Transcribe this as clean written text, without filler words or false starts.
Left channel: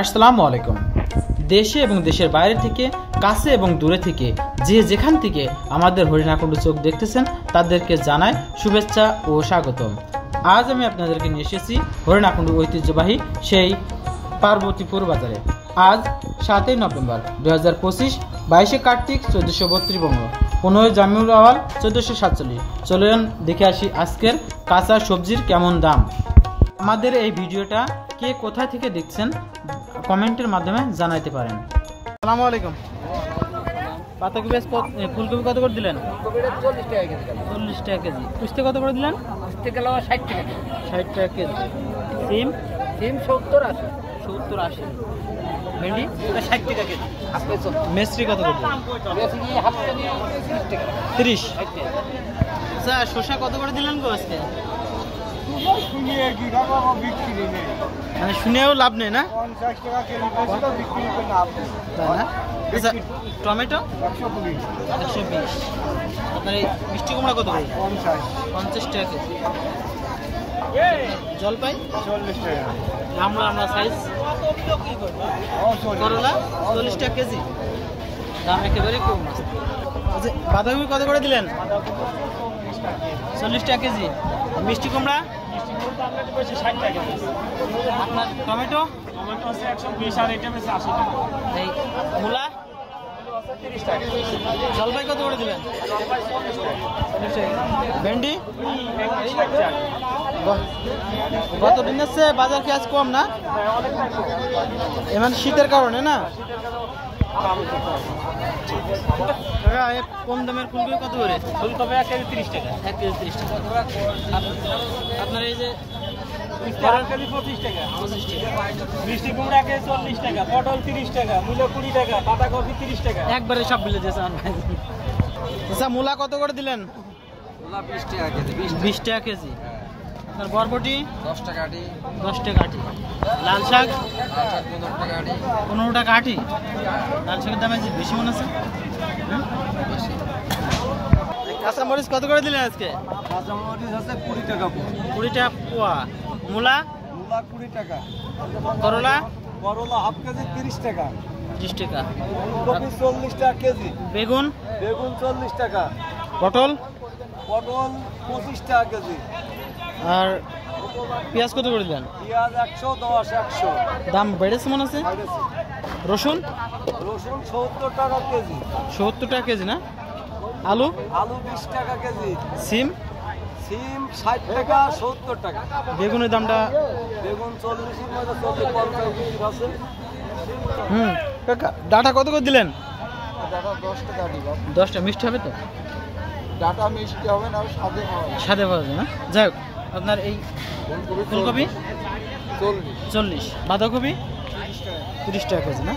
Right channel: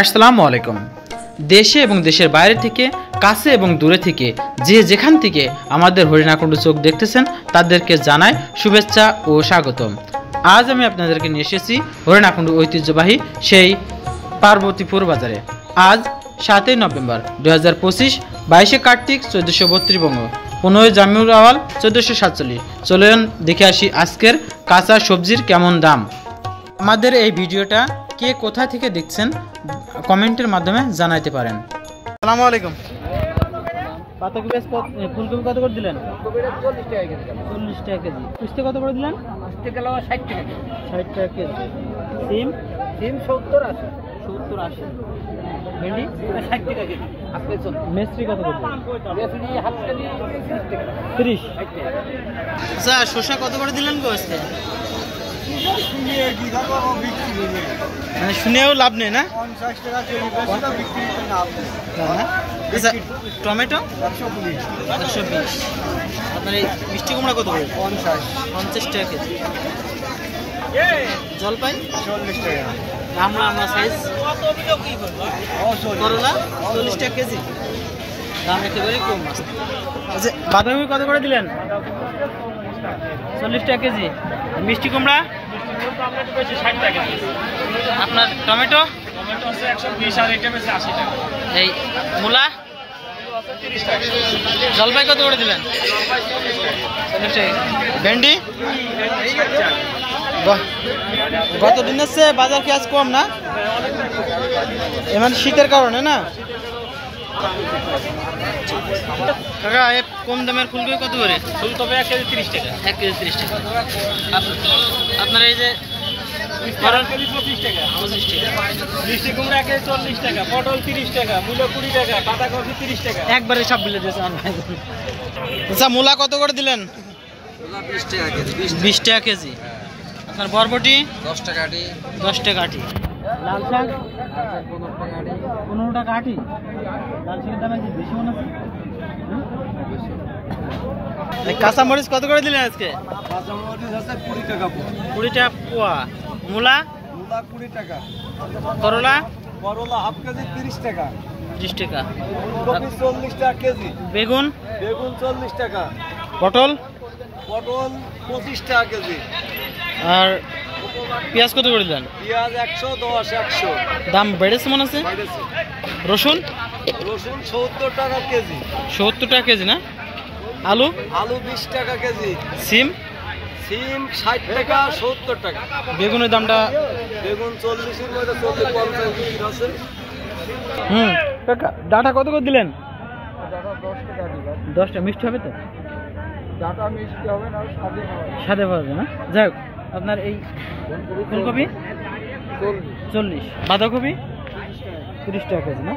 আসসালামু আলাইকুম। দেশে এবং দেশের বাইরে থেকে, কাছে এবং দূরে থেকে যে যেখান থেকে আমাদের হরিণাকুণ্ডু চোখ দেখতেছেন তাদেরকে জানাই শুভেচ্ছা ও স্বাগতম। আজ আমি আপনাদেরকে নিয়ে এসেছি হরিণাকুণ্ডু ঐতিহ্যবাহী সেই পার্বতীপুর বাজারে। আজ 7 নভেম্বর 2025, 22 কার্তিক 1432 বঙ্গ, 15 জামিউল আওয়াল 1447। চলুন দেখে আসি আজকের কাঁচা সবজির কেমন দাম। আমাদের এই ভিডিওটা কে কোথায় থেকে দেখছেন কমেন্টের মাধ্যমে জানাইতে পারেন। আসসালামু আলাইকুম। পাতাকপি ফুলকপি কত করে দিলেন? 40 টাকা কেজি। কুস্তে কত করে দিলেন? 60 টাকা কেজি। সিম 70-80। ভেন্ডি 60 টাকা কেজি। মেসরি কত করে দিলেন? 30। আচ্ছা, শসা কত করে দিলেন গো আজকে? মানে শুনেও লাভ নেই না? 50 টাকা কেজি বিক্রি করে লাভ নেই। আচ্ছা, টমেটো 120। আপনার এই মিষ্টি কুমড়া কত করে? 50 টাকা কেজি। জলপাই 40 টাকা। আমরা সাইজ করলা 40 টাকা কেজি। দাম একেবারে কম। আচ্ছা, বাঁধাকপি কত করে দিলেন? 40 টাকা কেজি। মিষ্টি কুমড়া 60 টাকা কেজি। আপনার টমেটো হচ্ছে 120 আর এটা হচ্ছে 80 টাকা। এই মূলা 30 টাকা। জলপাই কত করে দিলেন? 40 টাকা। ভেন্ডি গত দিনের চেয়ে বাজার কি আজ কম না? এমন শীতের কারণে না? কাকা, এক কম দামের ফুলকপি কত করে? ফুলকপি 1 কেজি 30 টাকা। 1 কেজি 30 টাকা। আপনার এই যে 25 টাকা। মিষ্টি কুমড়া 1 কেজি 40 টাকা। পটল 30 টাকা। মূলা 20 টাকা। বাঁধাকপি 30 টাকা। একবারে সব বলে দিয়েছেন। আচ্ছা, মূলা কত করে দিলেন? মূলা 20 টাকা কেজি। 20 টাকা কেজি। আপনার বরবটি 10 টাকা আটি। 10 টাকা আটি। লাল শাক 15 টাকা আটি। লাল শাকের দাম আছে বেশি মনে আছে। কাঁচামরিচ কত করে দিলেন আজকে? কাঁচামরিচ আছে 20 টাকা পোয়া। 20 টাকা পোয়া। মূলা 20 টাকা। করলা হাফ কেজি 30 টাকা। 30 টাকা। ফুলকপি 40 টাকা কেজি। বেগুন 40 টাকা। পটল 25 টাকা কেজি। আর পেঁয়াজ কত করে দিলেন? পেঁয়াজ 110। দাম বেড়েছে মনে আছে। রসুন 70 টাকা কেজি। 70 টাকা কেজি না? আলু 20 টাকা কেজি। সিম 60 টাকা 70 টাকা। বেগুনের দামটা? বেগুন 40-এর মধ্যে 40-50 আছে। কাকা, ডাটা কত করে দিলেন? ডাটা 10 টাকা দিলাম। 10 টাকা। মিষ্টি হবে তো? ডাটা মিষ্টি হবে না, সাদে হবে না? যাই হোক, আপনার এই ফুলকপি 40। বাঁধাকপি 30 টাকা কেজি না?